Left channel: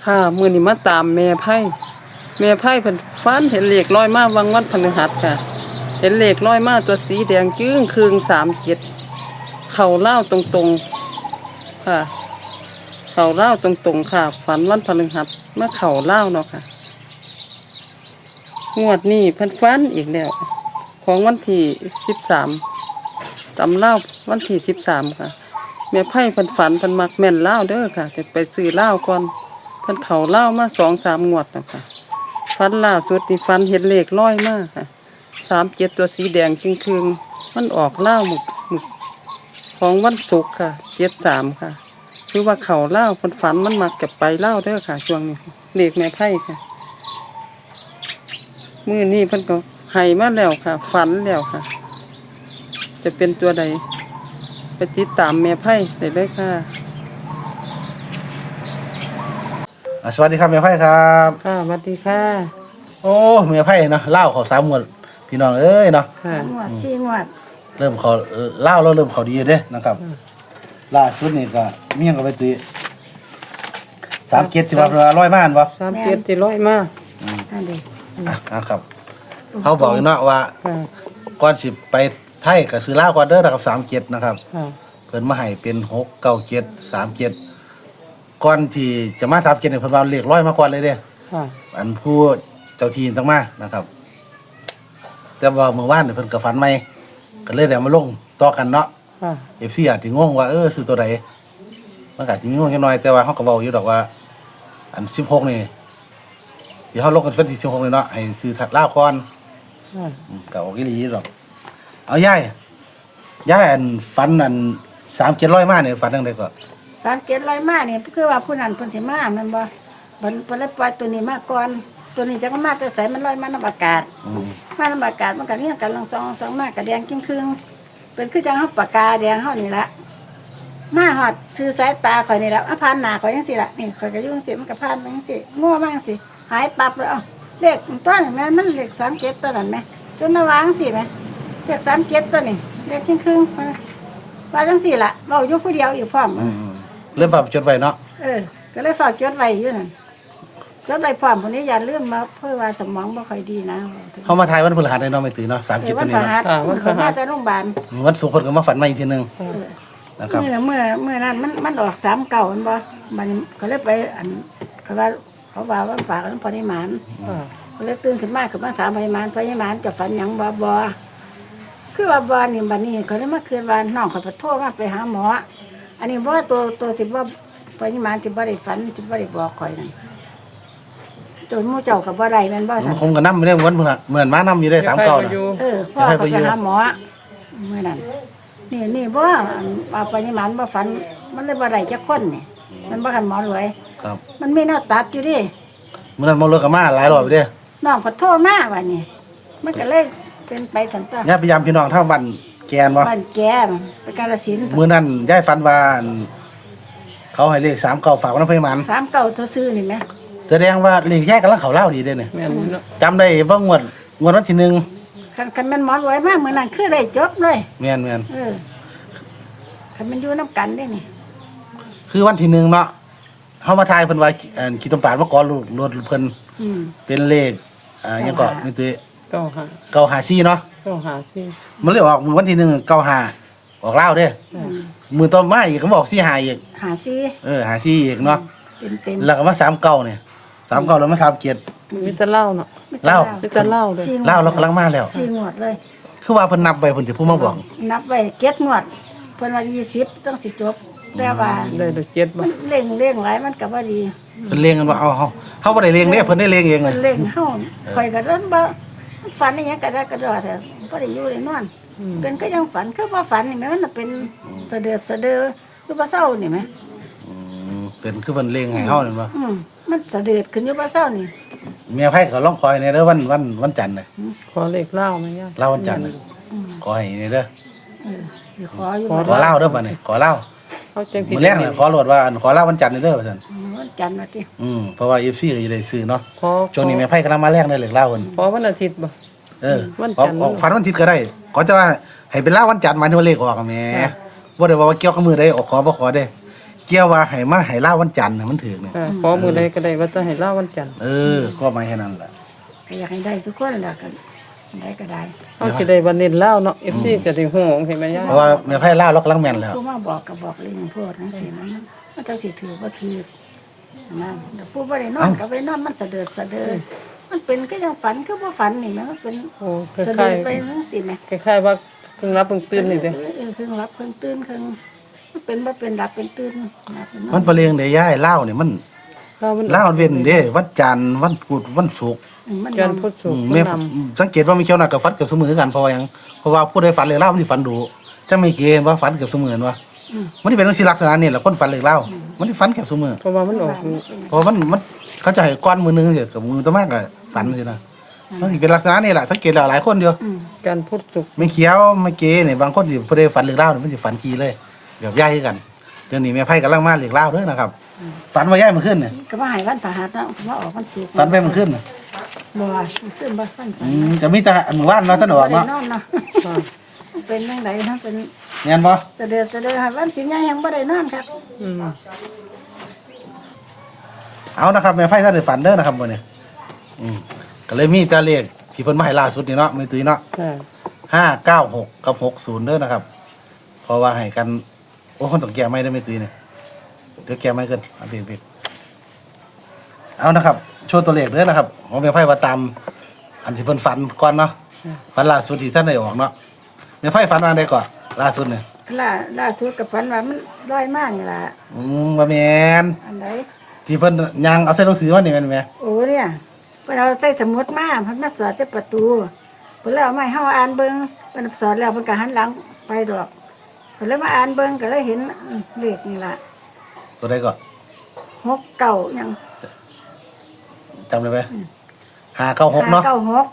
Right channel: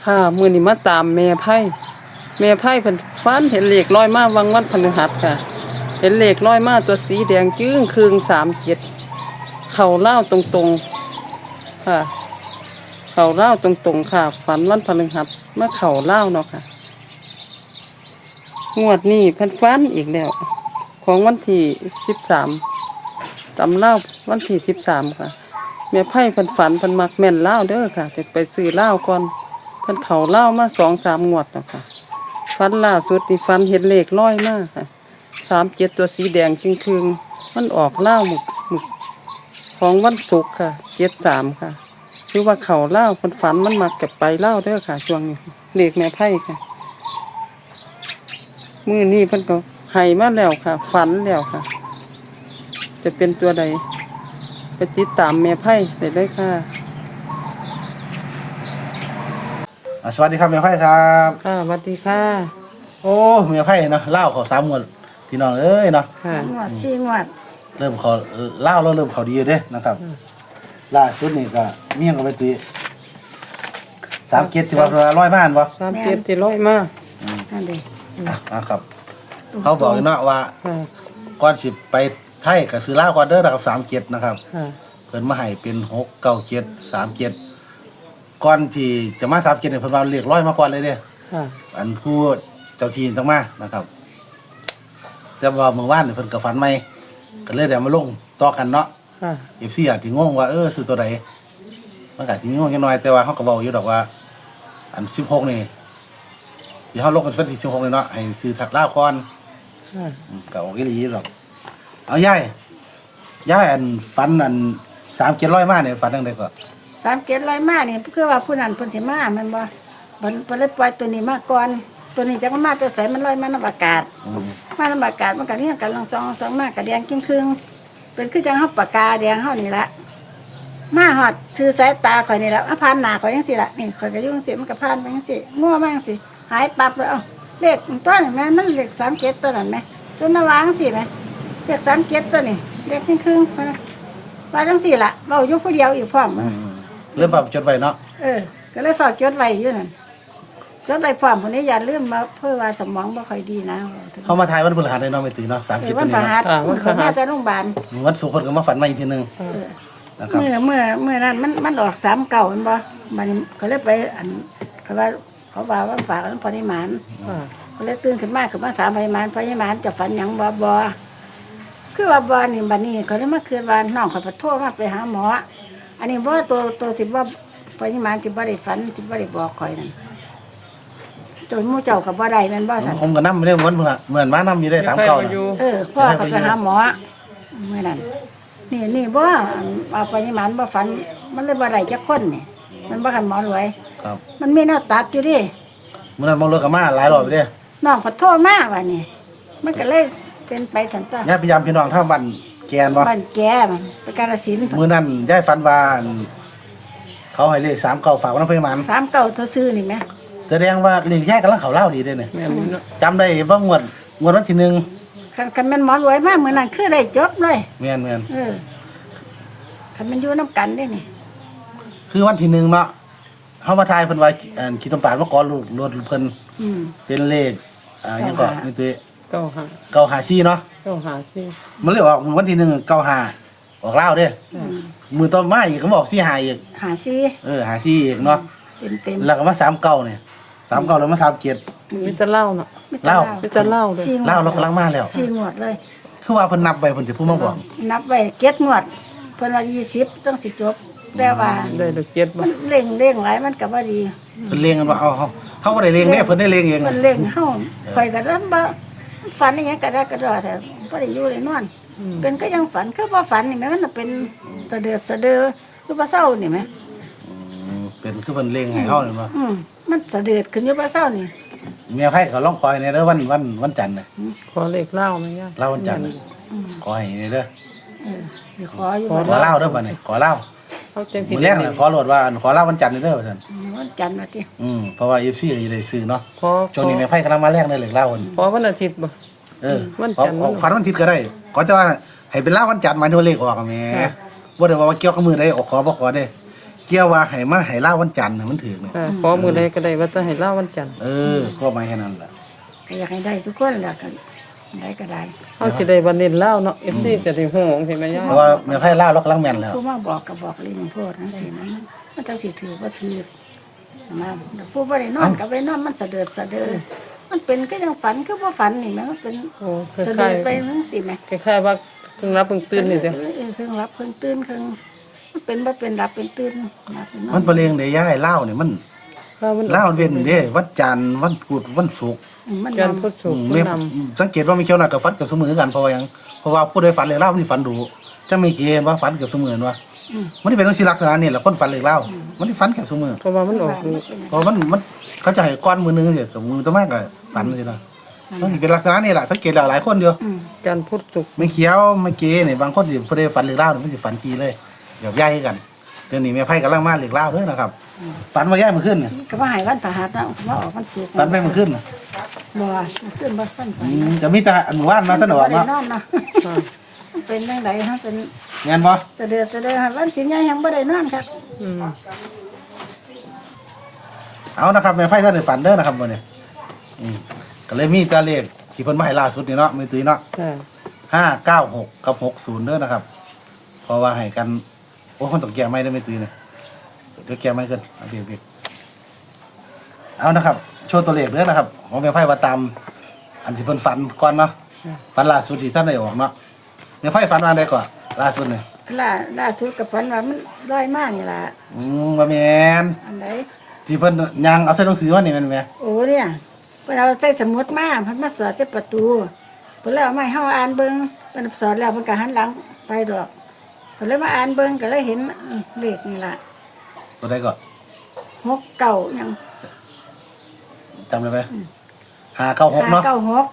ค่ะมื้อนี้มาตามแม่ไผ่เพิ่นฝันเห็นเลขลอยมาวังวันพฤหัสค่ะเห็นเลขลอยมาตัวสีแดงจึ้งครึ่ง37เข้าลาวตรงๆค่ะเข้าลาวตรงๆค่ะฝันวันพฤหัสมาเข้าลาวเนาะค่ะงวดนี้เพิ่นฝันอีกแล้วของวันที่13ตำลาววันที่13ค่ะแม่ไผ่เพิ่นฝันเพิ่นมักแม่นลาวเด้อค่ะจะไปซื้อลาวก่อนเพิ่นเข้าลาวมา 2-3 งวดแล้วค่ะฝันล่าสุดนี่ฝันเห็นเลขลอยมาค่ะ37ตัวสีแดงจึงครึ่งมันออกลาวหมึกของวันศุกร์ค่ะ73ค่ะคือว่าเข้าลาวเพิ่นฝันมันมักจะไปลาวเด้อค่ะช่วงนี้เลขแม่ไผ่ค่ะมื้อนี้เพิ่นก็ให้มาแล้วค่ะฝันแล้วค่ะจะเป็นตัวใดไปติดตามแม่ไผ่ได้เลยค่ะสวัสดีครับแม่ไพ่ครับค่ะสวัสดีค่ะโอ้แม่ไพ่เนาะเล่าเขา3 งวดพี่น้องเอ้ยเนาะค่ะงวด4งวดเริ่มเขาเล่าแล้วเริ่มเขาดีเด้นะครับล่าสุดนี่ก็เมี่ยงกับไปตี37ที่ว่าร้อยบ้านบ่ 37ที่ร้อยมานั่นเด้ครับเขาบอกเนาะว่าค่ะก่อนสิไปไทยก็ซื้อลาวก่อนเด้อนะครับ37นะครับค่ะเพิ่นมาให้เป็น697 37ก่อนที่จะมา37เนี่ยเพิ่นเอาเลขร้อยมาก่อนเลยเด้ค่ะอันผู้เจ้าที่ต้องมานะครับ แต่ว่าเมื่อวานเนี่ยเพิ่นก็ฝันใหม่ก็เลยได้มาลงต่อกันเนาะค่ะ FC อาจสิงงว่าซื้อตัวใดมันก็สิงงจังหน่อยแต่ว่าเฮาก็เว้าอยู่ดอกว่า อัน16นี่ที่เฮาลงกันวันที่16นี่เนาะให้ซื้อถัดลาวก่อนค่ะก็ออกอีหลีดอกเอายายอันฝันอัน3700มาเนี่ยฝันจังได๋ก็ 3700มานี่คือว่าผู้นั้นเพิ่นสิมาแม่นบ่เพิ่นเลยปล่อยตัวนี้มาก่อนตัวนี้จักมันมาแต่ไสมันลอยมานำอากาศมานำอากาศมันก็เรียงกันลองสองมาก็แดงครึ่งๆเป็นคือจังเฮาปากกาแดงเฮานี่ละมาฮอดชื่อสายตาข่อยนี่ละผ่านหน้าข่อยจังซี่ล่ะนี่ข่อยก็อยู่จังซี่มันก็ผ่านไปจังซี่งัวมาจังซี่หายปับเลยเอ้าเลขตัวนั้นแม่มันเลข37ตัวนั้นแม่จนน่าวางสิแม่เลข37ตัวนี้เลขครึ่งๆว่าจังซี่ล่ะเว้าอยู่ผู้เดียวอีกพร้อมเริ่มปรับจดไว้เนาะก็เลยฝากจดไว้อยู่นั่นจดไว้พร้อมคนนี้อย่าลืมมาเพื่อว่าสมองบ่ค่อยดีนะเฮามาทายวันพฤหัสได้เนาะไม่ตื่นเนาะ37ตัววันนี้พฤเนาะหัสเขามาจากโรงพยาบาลวันศุกร์เพิ่นก็มาฝันใหม่อีกทีนึงนะครับเมื่อนั้นมันออก39มันบ่มันก็เลยไปอันเขาว่าฝากอันพอนิมานค่ะก็เลยตื่นขึ้นมาถามพอนิมานจะฝันหยังบ่คือว่าบ่นี่บัดนี้เขาเลยมาคืนว่าน้องเขาไปโทรมาไปหาหมออันนี้บ่ตัวสิบ่พอนิมานสิบ่ได้ฝันสิบ่ได้บอกข่อยนั่นตัวหมู่เจ้าก็บ่ได้แม่นบ่ซั่นผมก็นำไม่ได้วันพฤหัสเหมือนม้านำอยู่ได้แม่ 3 ไผ่เก่าบ่อยู่พ่อเขาไปหาหมอเมื่อนั้นนี่บ่เอาไปนี่มันบ่ฝันมันเลยบ่ได้จักคนนี่มันบ่คันหมอรวยครับมันมีแนวตัดอยู่ดิเมื่อนั้นบ่เลิกกับมาหลายรอบเด้น้องขอโทษมาว่านี่มันก็เลยเป็นไปสันตาญาติพยายามพี่น้องเท่าบ้านแกนบ่บ้านแกไปกาฬสินธุ์มื้อนั้นยายฝันว่าเขาให้เลข3เก่าฝากไว้นำเพิ่นมัน 3 เก่าเท่าซื้อนี่แหมแสดงว่าเลขยายกำลังเข้าเล่าดีเด้เนี่ยแม่นเนาะจำได้ว่างวดวันที่1 คันแม่นหมอรวยมามื้อนั้นคือได้จบเลยแม่นคันมันอยู่นํกันเด้นี่คือวันที่1เนาะเฮามาทายเพิ่นว่าขี้ตมปาดมาก่อนรถเพิ่นอืมเป็นเลขหยังก็นี่ติ 95 954เนาะ 954 มันเลยออกวันที่1 95ออกเล่าเด้มื้อต่อมาอีกก็บอก45อีกหาซี 54อีกเนาะเต็มแล้วก็มา39เนี่ย39แล้วมา37 มีแต่เหล้าเนาะเล่ามีแต่เหล้าเลย 4 เล่าแล้วกำลังมาแล้ว 4งวดเลยคือว่าเพิ่นนับไว้เพิ่นสิพูดมาบอกนับไว้7งวดเพิ่นว่า20ต้องสิจบแต่ว่าได้ดอกเจ็ดบ่มันเร่งหลายมันก็บ่ดีเพิ่นเลงกันว่าเอาเฮาบ่ได้เลงเด้เพิ่นได้เลงเองเพิ่นเร่งเฮาข่อยก็เดินบ่ฝันอีหยังก็ได้ก็ดอแต่บ่ได้อยู่ได้นอนเป็นก็ยังฝันคือบ่ฝันนี่แม่มันน่ะเป็นสะเดือคือบ่เศร้านี่แม่เป็นคือเพิ่นเลงให้เฮานี่บ่มันสะเดือดขึ้นอยู่บ่เศร้านี่แม่ไผก็ลองคอยในเด้อวันจันทร์น่ะขอเลขเหล้าแม่ย่าเล่าวันจันทร์น่ะขอให้นี่เด้อสิขออยู่ขอเล่าเด้อบัดนี้ขอเล่าเขาจังสิมื้อแรกน่ะขอโลดว่าขอเล่าวันจันทร์นี่เด้อว่าซั่นวันจันทร์ว่าติเพราะว่า FC ก็สิได้ซื้อเนาะขอช่วงนี้แม่ไผกำลังมาแรกในเลขเล่าเพิ่นขอวันอาทิตย์บ่ วันจันทร์ขอฝันวันอาทิตย์ก็ได้ขอแต่ว่าให้เป็นเล่าวันจันทร์หมายถึงว่าเลขออกอะแหม่ค่ะบ่ได้ว่าเกี่ยวกับมื้อใดออกขอบ่ขอเด้กี่ยวว่าให้มาให้ล่าวันจันทร์น่ะมันถือเนี่ยค่ะขอมือใดก็ได้ว่าจะให้เล่าวันจันทร์ก็หมายแค่นั้นแหละก็อยากให้ได้ทุกคนแหละกันได้ก็ได้เขาสิได้วันเน้นเล่าเนาะ FC จะได้ฮู้ของเห็นไหมย่าเพราะว่าแม่ไพ่ล่าเรากำลังแม่นแล้วผู้มาบอกก็บอกเรื่องพวกนั้นสิมันจังสิถือบ่ถือนะแต่ผู้บ่ได้นอนก็ไปนอนมันสะเดือดมันเป็นก็ยังฝันคือบ่ฝันนี่มันเป็นโอ้คสะล้าเดืยอดไปจังซี่แหมๆคล้ายๆว่าเพิ่งรับเพิ่งตื่นนี่เด้อเพิ่งรับเพิ่งตื่นเพิ่งมันเป็นบ่เป็นรับเป็นตื่นนะเป็นนอมัน นประเลงได้ย้ายเล่าเนี่ยมันข้าวมันเล่าเว้นเด้วันจันทร์วันพุธวันศุกร์มันจันทนร์พุธศุกร์แม่ผู้นสังเกตว่ามีเจ้าหน้ากับฟันเกือบเสมอกันเพราะว่าหยังเพราะว่าผู้ใดฝันเลยเล่ามันสิฝันดูถ้าไม่เกว่าฝันเกือบเสมอว่ามันนี่เป็นลักษณะนี่แหละคนฝันเลยเล่ามันนี่ฝันเกือบเสมอำเพราะว่ามันออกเพราะมันเขาจะให้ก้อนมือนึงกับมือตัวมากกับฝันเลยนะมันสิเป็นลักษณะนี่แหละสังเกตแล้วหลายคนเดียวจันทร์พุธศุกร์ไม่เขียวไม่เกเนี่ยบางคนที่ผู้ใดฝันเลยเล่ามันสิฝันกีเลยเดี๋ยวย้ายกันเดี๋ยวนี้แม่ไพ่กำลังมาเหล็กเล่าด้วยนะครับฝันว่าย้ายมันขึ้นเนี่ยก็ว่าให้วันพฤหัสนะก็ว่าออกวันศุกร์ฝันไปมันขึ้นบ่ขึ้นบ่ฝันจะมีแต่หมู่บ้านเราะท่านบอกบ่ได้เนาะนอนเนาะค่ะเป็นจังไดฮะเป็นเงี้ยบ่สะเดือดวันสิงห์ยังบ่ได้นอนครับอืมเอานะครับแม่ไพ่ท่านได้ฝันเด้อนะครับวันนี้ก็เลยมีแตาเลขที่เพิ่นมาให้ล่าสุดนี่เนาะมือตื้อเนาะค่ะ 596กับ60เด้อนะครับ เพราะว่าให้กันโอ้คนต้องแก้ไม่ได้ไม่ตื้อเนี่ยเดี๋ยวแก้ไม่เกินอันเด็กเอานะครับโชว์ตัวเลขเด้อนะครับของแม่ไพ่ว่าตามอันที่เพิ่นฝันก่อนเนาะฝันล่าสุดที่ท่านได้ออกเนาะแม่ไพ่ฝันว่าได้ก่อนล่าสุดเนี่ยล่าสุดกับฝันว่ามันลอยมากนี่ล่ะว่าแม่นอันไหนที่เพิ่นยังเอาใส่หนังสือมานี่แม่นแม่โอ้เนี่ยเพิ่นเอาใส่สมุดมาเพิ่นมาสอดใส่ประตูเพิ่นเลยเอาไม้เฮาอ่านเบิ่งเพิ่นสอนแล้วเพิ่นก็หันหลังไปดอกเพิ่นเลยมาอ่านเบิ่งก็เลยเห็นเลขนี่ล่ะตัวใดก่อน 69หยังจำได้ไหม596เนาะ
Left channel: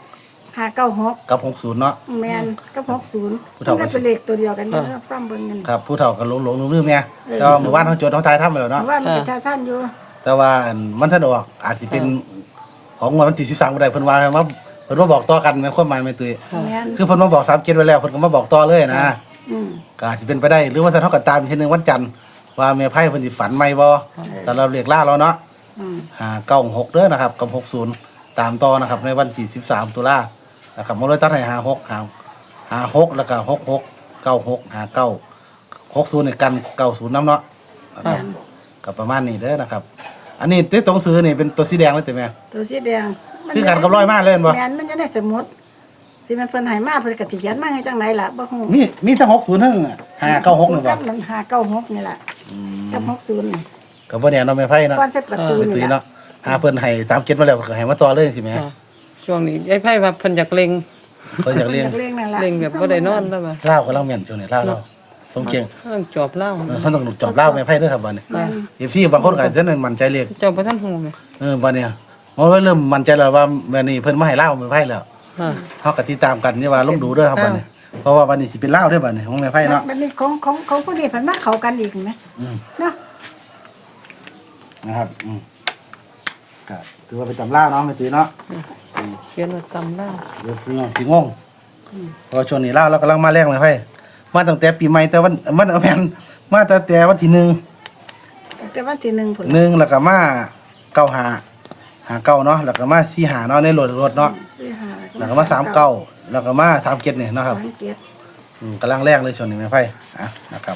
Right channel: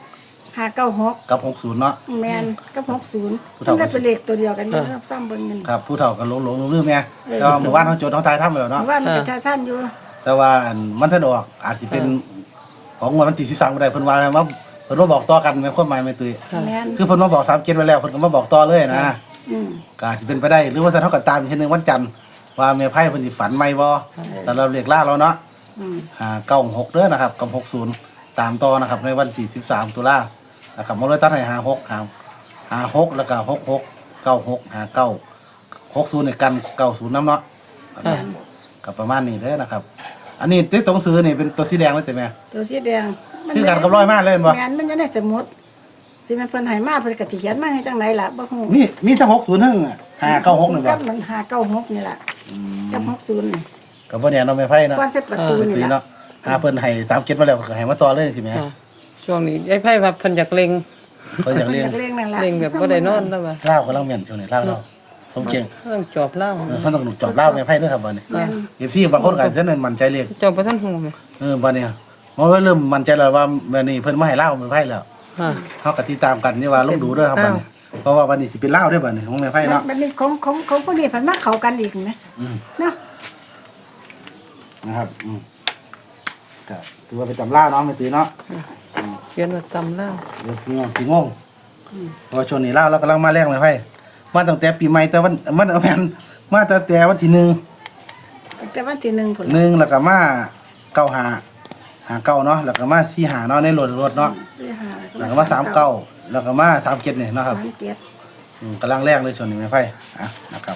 596 กับ60เนาะแม่นกับ60 ผู้มันเฒ่าได้เป็นเลขตัวเดียวกันอยู่ซ้ำเบิ่งกันครับผู้เฒ่ากันหลงลืมเนี่ยแต่ว่าหมู่บ้านเขาจดเขาทายทำไปแล้วเนาะว่ามันเป็นชาท่านอยู่แต่ว่าอันมันถ้าดอกอาจจะเป็นของวันที่13บ่ได้เพิ่นว่าว่าเพิ่นมาบอกต่อกันแม่นความหมายแม่ตุ้ยแม่นคือเพิ่นมาบอก37ไว้แล้วเพิ่นก็มาบอกต่อเลยนะอืมก็อาจจะเป็นไปได้หรือว่าถ้าเท่ากับตามอีกทีนึงวันจันทร์ว่าแม่ไพ่เพิ่นสิฝันใหม่บ่แต่เราเรียกล่าแล้วเนาะอืม 96เด้อนะครับกับ60ตามต่อนะครับในวันที่13ตุลานะครับมาเลยตัดให้56แล้วก็66 96 59 60นี่กัน90นำเนาะค่ะก็ประมาณนี้เด้อนะครับ อันนี้ที่ตรงซื้อนี่เป็นตัวสีแดงเลยแต่แม่ตัวสีแดงคือกันกับร้อยมากเลยเห็นบ่แม่นมันจะได้สมุดสิมันเพิ่นให้มาเพิ่นก็สิเขียนมาให้จังไหนล่ะบ่ฮู้มีทั้ง60ทั้ง596นี่กับ่บมัน596นี่ล่ะกับ60นี่ก็บ่แน่เนาะแม่ไพ่เนาะก่อนเสร็จประตูเป็นนี่สีล่ะเนาะเพิ่นให้37มาแล้วก็ให้มาต่อเลยสิแม่ค่ะช่วงนี้ยายไพ่ว่าเพิ่นอยากเล็งเพิ่นอยากเรียนเรื่องนั่นล่ะเล็งแบบบ่ได้นอนแล้วว่าลาวกำลังแม่นช่วงนี้ลาวเราสมเก่งเรื่องจอบเล่าเพิ่นต้องจบลาวแม่ไพ่เด้อครับบัดนี้แม่น FC บางคนก็จะมั่นใจเลขเจ้าบ่ทันฮู้แม่บัดนี้มันเริ่มมั่นใจแล้วว่าแม่นี่เพิ่นมาให้ลาวแม่ไพ่แล้วค่ะเฮาก็ติดตามกันนี่ว่าลงดูเด้อครับบัดนี้เพราะว่าบัดนี้สิเป็นลาวเด้อบัดนี้ของแม่ไพ่เนาะบัดนี้ของผู้นี้เพิ่นมาเข้ากันอีกนะเนาะนะครับก็ถือว่าไปจำล่าเนาะไม่ตีเนาะเขียนว่าตำเล่าเดี๋ยวพี่งงเพอช่วงนี้ล่าเรากำลังมาแรงเลยไพ่มาตั้งแต่ปีใหม่แต่วันมันแม่นมาตั้งแต่วันที่1 แต่วันที่1พุ่น 1แล้วก็มา95 59เนาะแล้วก็มา45เนาะในรถเนาะสิหาแล้วก็มา39แล้วก็มา37เนี่ยเนาะครับ 37 กำลังแรงเลยช่วงนี้แม่ไพ่นะครับ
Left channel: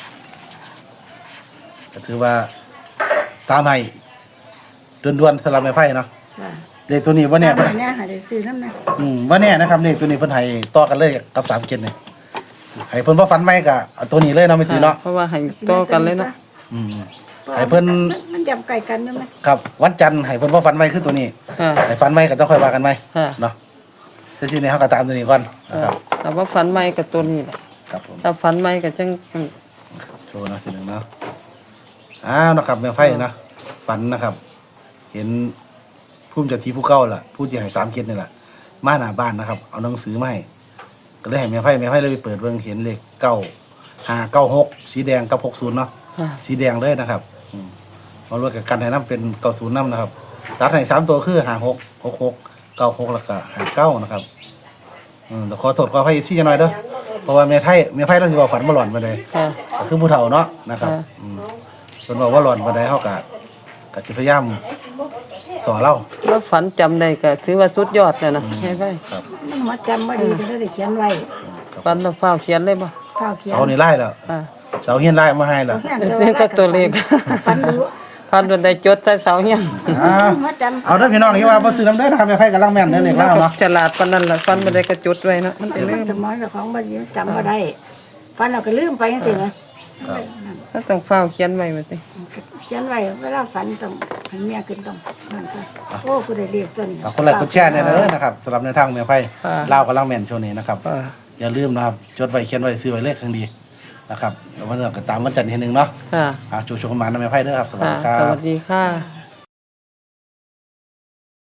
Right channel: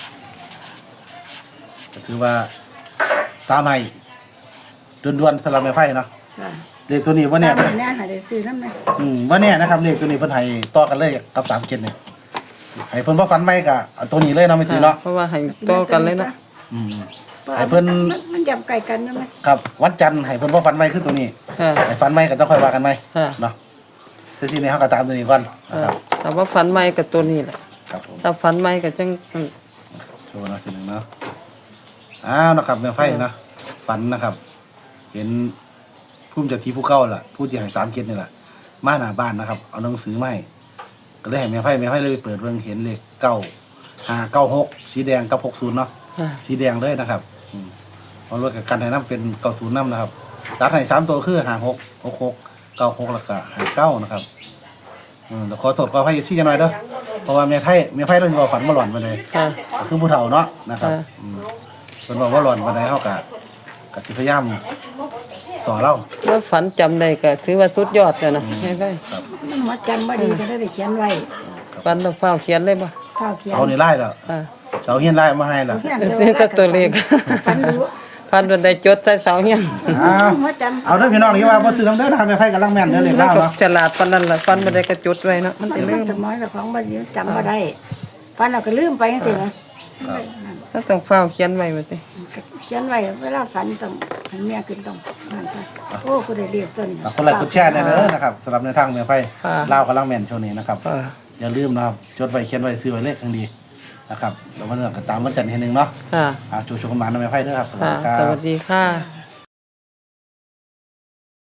ก็ถือว่าตามให้ด่วนๆสำหรับแม่ไพ่เนาะจ้ะเลขตัวนี้ว่าเนี่ยตามให้หาได้ซื้อนำแม่ว่าเนี่ยนะครับเลขตัวนี้เพิ่นให้ต่อกันเลยกับ37เนี่ยให้เพิ่นบ่ฟันใหม่ก็เอาตัวนี้เลยเนาะไม่ตีเนาะเพราะว่าให้ต่อกันเลยเนาะอืม ให้เพิ่นมันย่ำไก่กันใช่ไหมครับวันจันทร์ให้เพิ่นบ่ฟันใหม่คือตัวนี้ค่ะให้ฟันใหม่ก็ต้องค่อยว่ากันใหม่ค่ะเนาะทีนี้เฮาก็ตามตัวนี้ก่อนนะครับแต่ว่าฝันใหม่กับตัวนี้แหละครับผมถ้าฝันใหม่ก็จังโชว์นะทีนึงเนาะนะครับแม่ไฟเนาะฝันนะครับ เห็นภูมิเจากที่ผู้เก่าล่ะผู้ที่ให้37นี่แหละมาหน้าบ้านนะครับ เอาหนังสือมาให้ก็เลยให้แม่ไฟเลยไปเปิดเบิ่งเห็นเลข9596สีแดงกับ60เนาะค่ะสีแดงเลยนะครับเอารถกับกันให้น้ำเป็น90น้ำนะครับตัดให้3ตัวคือ56 66 96แล้วก็59นะครับแต่ขอโทษขออภัยซี่จังหน่อยเด้อเพราะว่าแม่ไพ่เราสิว่าฝันบ่หลอนมาเลยค่ะก็คือผู้เฒ่าเนาะนะครับค่ะกคนบอกว่าหลอนวันใดเขากะสิพยายามสอนเราว่าฝันจำได้ก็ถือว่าสุดยอดแล้วนะแม่ไพ่มันหัวจำบ่ดีก็ได้เขียนไว้ฝันแล้วฟ้าวเขียนเลยบ่ข้าวเขียนเสานี่ไล่แล้วอ่าเสาเฮียนไล่มาให้แล้วเส้นแต่ตัวเลขฟันรู้ฝันวันใดจดใส่เสาเฮียนหัวจำเอาเด้อพี่น้องนี่ว่าบ่ซื้อน้ำเด้อนะครับแม่ไผกำลังแม่นเด้อเลขแล้เล่าวก็เนาะฉลาดปานนั้นล่ะฝันวันใดก็จดไว้เนาะมันสิลืมสมองเจ้าของบ่ดีจำบ่ได้ฟันเราก็ลืมไปจังซี่นะก็ต้องฟ้าวเขียนไว้ว่าสิเขียนไว้เวลาฝันต้องให้เมียขึ้นต้องนั่นไปโอ้กูได้เรียกตัวนี้คนละกดแชร์แน่เด้อนะครับสำหรับในทางแม่ไผเล่าวกำลังแม่นช่วงนี้นะครับอ่าอย่าลืมนะครับจดไว้เขียนไว้ซื้อไว้เลขข้างดีนะครับแล้ววันนี้ก็ตามวันจันทร์ทีนึงเนาะค่ะชูกันมานะแม่ไผเด้อครับสวัสค่ะดีครับสวัสดีค่ะ